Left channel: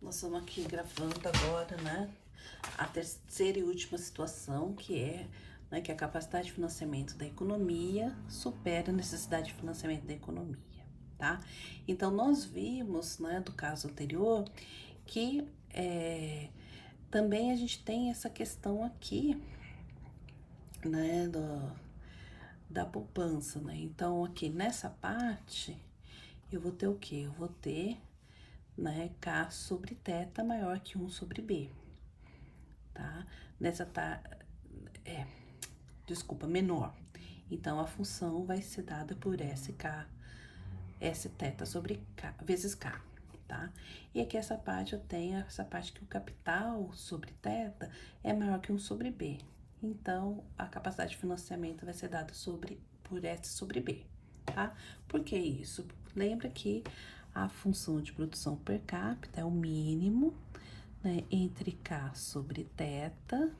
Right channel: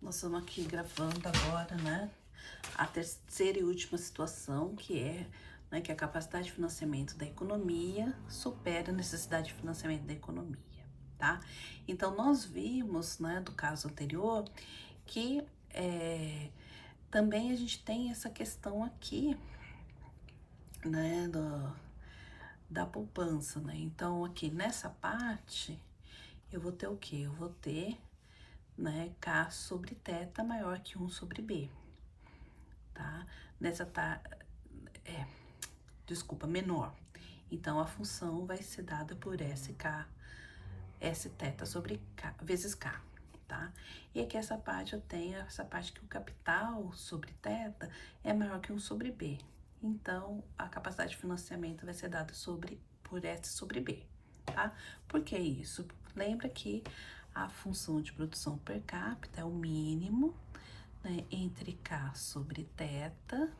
Nós estamos aqui gravando agora, né? A terceira e última situação, que é, né, que a capacidade de financiamento da economia supera a necessidade de financiamento da economia, tá? Então, nós vimos, né, do caso anterior, que também a gente tem essa questão aqui, né, da poupança, né? Então, aqui nessa parte, eu vou ter o quê? Eu vou ter, né, K sobre θ maior que 1 sobre B, tá? Desculpa, menor. Então, a função vai ser dada por SK, Sθ sobre K, vezes K, tá? E aqui essa parte eu tenho, essa parte que o capital sobre θ é maior que 1 sobre B. Então, a capacidade de financiamento vai ser dada por S sobre B, tá? Por que isso? Lembra que a função de produção per capita é o mínimo, né, entre K sobre θ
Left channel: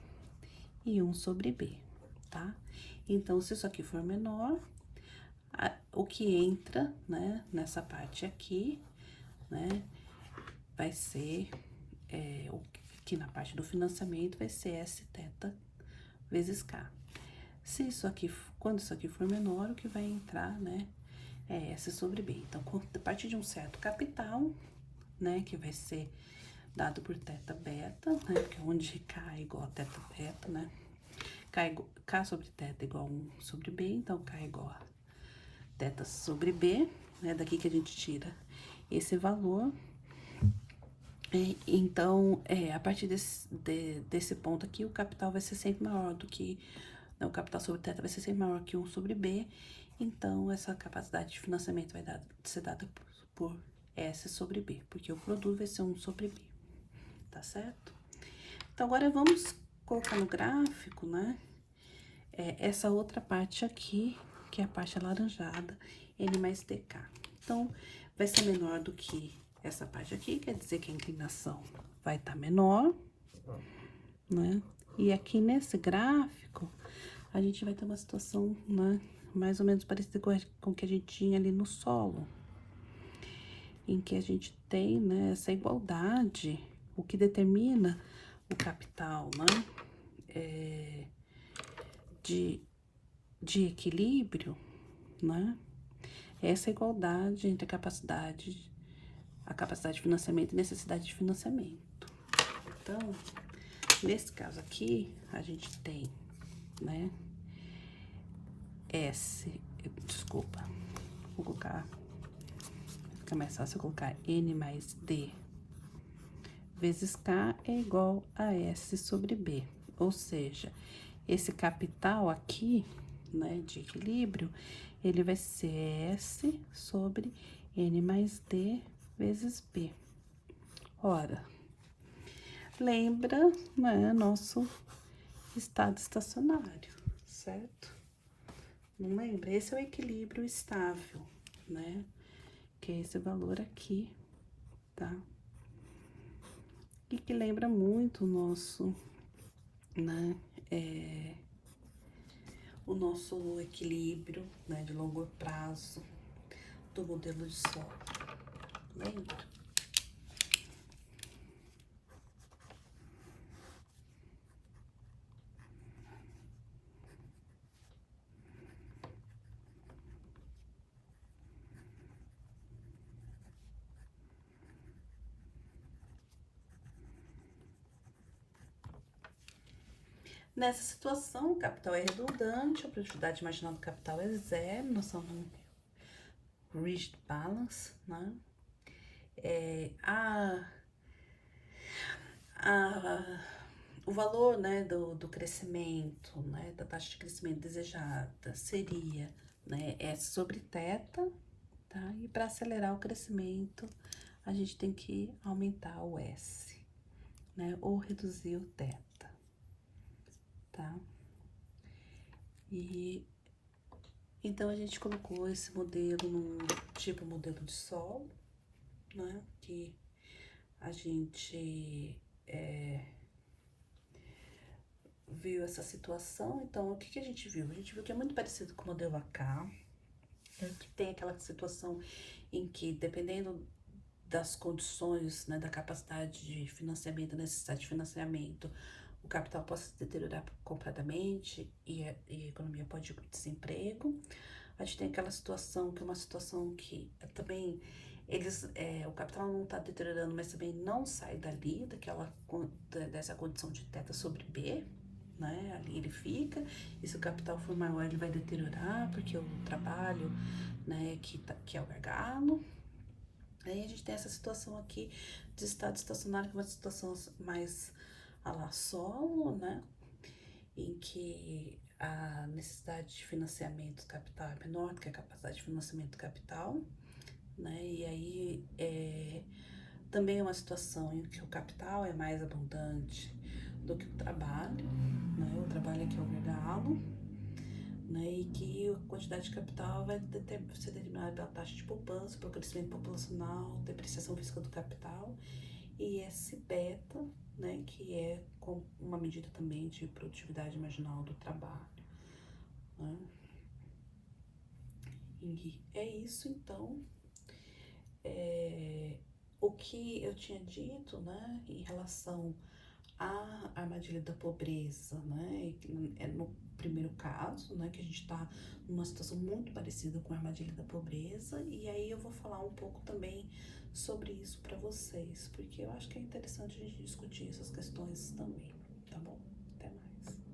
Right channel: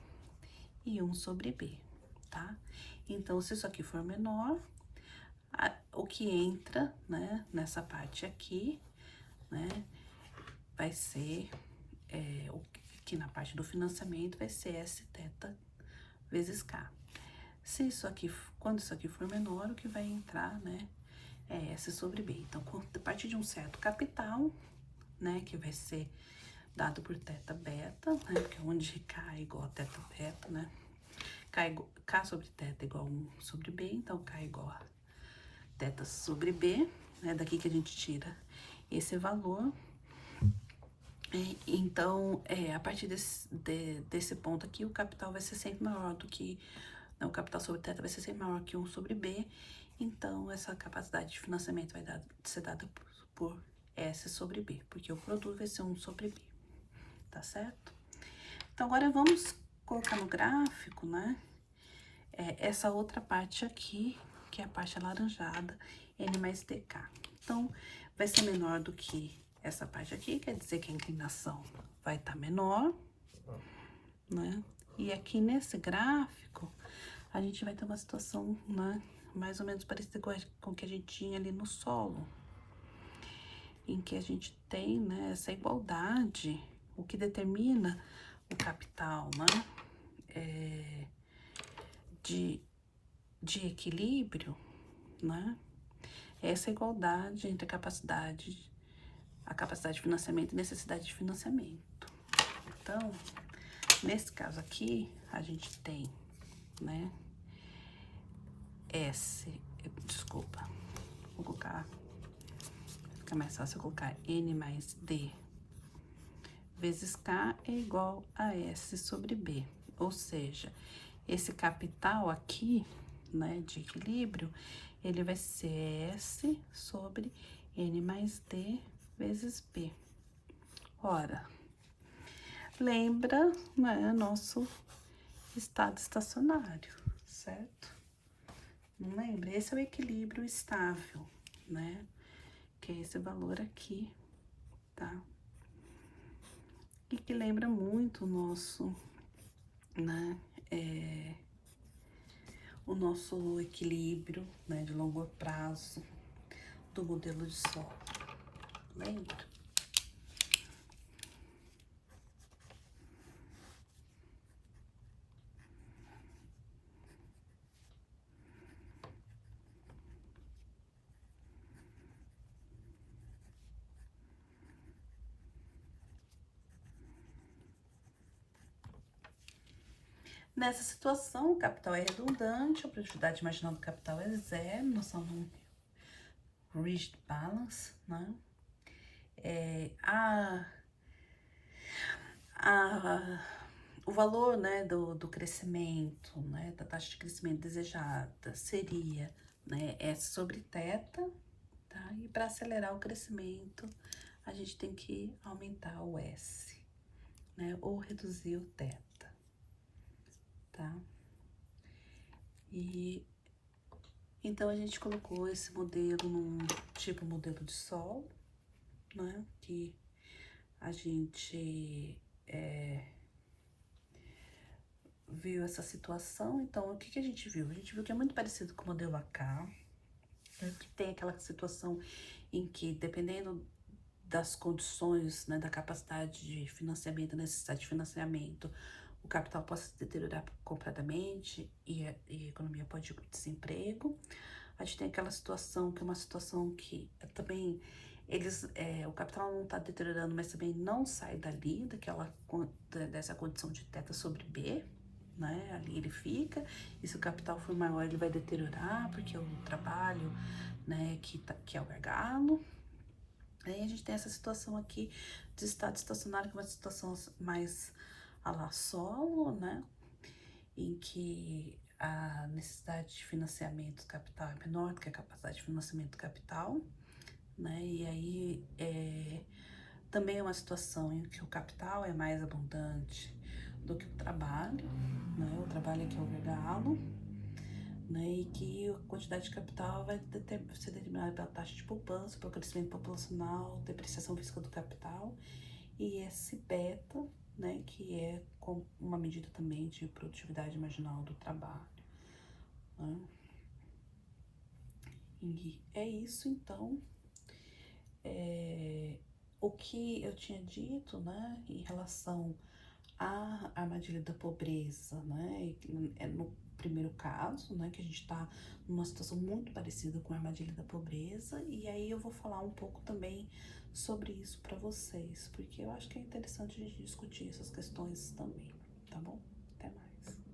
e 1 sobre B, tá? Então, se isso aqui for menor, o que entra, né, nessa parte aqui, né, vai ser, aqui na parte do financiamento, vai ser Sθ vezes K. Se isso aqui, quando isso aqui for menor, o que vai entrar, né, é S sobre B. Então, a partir de um certo capital, né, que vai ser dado por θ beta, né, porque é onde K é igual a θ beta, né, K sobre θ é igual a 1 sobre B, então K é igual a θ sobre B, né, daqui que a gente tira esse valor. Então, a partir desse ponto aqui, o capital vai ser sempre maior do que, não, o capital sobre θ vai ser sempre maior que 1 sobre B, então essa capacidade de financiamento vai ser dada por S sobre B, porque o produto vai ser 1 sobre B, tá certo? Então, agora vamos colocar no gráfico, né, essa outra parte aqui, que é a parte alaranjada, N mais DK. Então, vai ser menor do que essa parte aqui, quer dizer que a inclinação vai estar menor, né? E aqui nesse gráfico, a gente vai ter uma situação, né, mais ou menos parecida com o que a gente tinha ali no solo, em que a gente tem, né, essa igualdade, o que determina o capital, né, de equilíbrio, né? Essa igualdade entre a capacidade de financiamento e necessidade de financiamento. Então, nesse caso aqui, a gente tem, né, vou colocar, fica mais fácil eu colocar N mais D vezes K é igual a S sobre B, ou seja, esse capital aqui, né, de equilíbrio, ele vai ser S sobre N mais D vezes B. Ora, lembra, né, nosso estado estacionário, certo? Não lembra? Esse é o equilíbrio estável, né? Que é esse valor aqui, tá? E que lembra muito o nosso, né, o nosso equilíbrio, né, de longo prazo do modelo de solo, lembra? Nessa situação, o capital é redundante, a produtividade marginal do capital é zero, nós estamos no rigid balance, né? O valor, né, do crescimento, né, da taxa de crescimento desejada seria, né, S sobre θ, tá? E para acelerar o crescimento, a gente tem que aumentar o S, né, ou reduzir o θ, tá? E então a gente colocou esse modelo num tipo modelo de solo, né, que a gente viu essa situação. Então, o que a gente viu? A gente viu que é muito parecido com o modelo AK, que tem aquela situação em que, dependendo das condições, né, da capacidade de financiamento, da necessidade de financiamento, o capital possa se deteriorar completamente e a economia pode ir para o desemprego. A gente tem aquela situação que é uma situação que também o capital não está deteriorando, mas também não sai dali, dessa condição de teta sobre B, né? Ali ele fica, e se o capital for maior, ele vai deteriorar, porque o trabalho, né, que é o gargalo. Aí a gente tem essa situação aqui de estado estacionário, que é uma situação mais a la solo, né? Em que a necessidade de financiamento do capital é menor do que a capacidade de financiamento do capital, né? E aí também é uma situação em que o capital é mais abundante do que o trabalho, né? O trabalho aqui é o gargalo, né? E que a quantidade de capital vai ser determinada pela taxa de poupança, pelo crescimento populacional, depreciação física do capital e esse beta, né? Que é uma medida também de produtividade marginal do trabalho, né? E é isso, então. O que eu tinha dito, né, em relação à armadilha da pobreza, né, é no primeiro caso, né, que a gente está numa situação muito parecida com a armadilha da pobreza, e aí eu vou falar um pouco também sobre isso para vocês, porque eu acho que é interessante a gente discutir essas questões também, tá bom?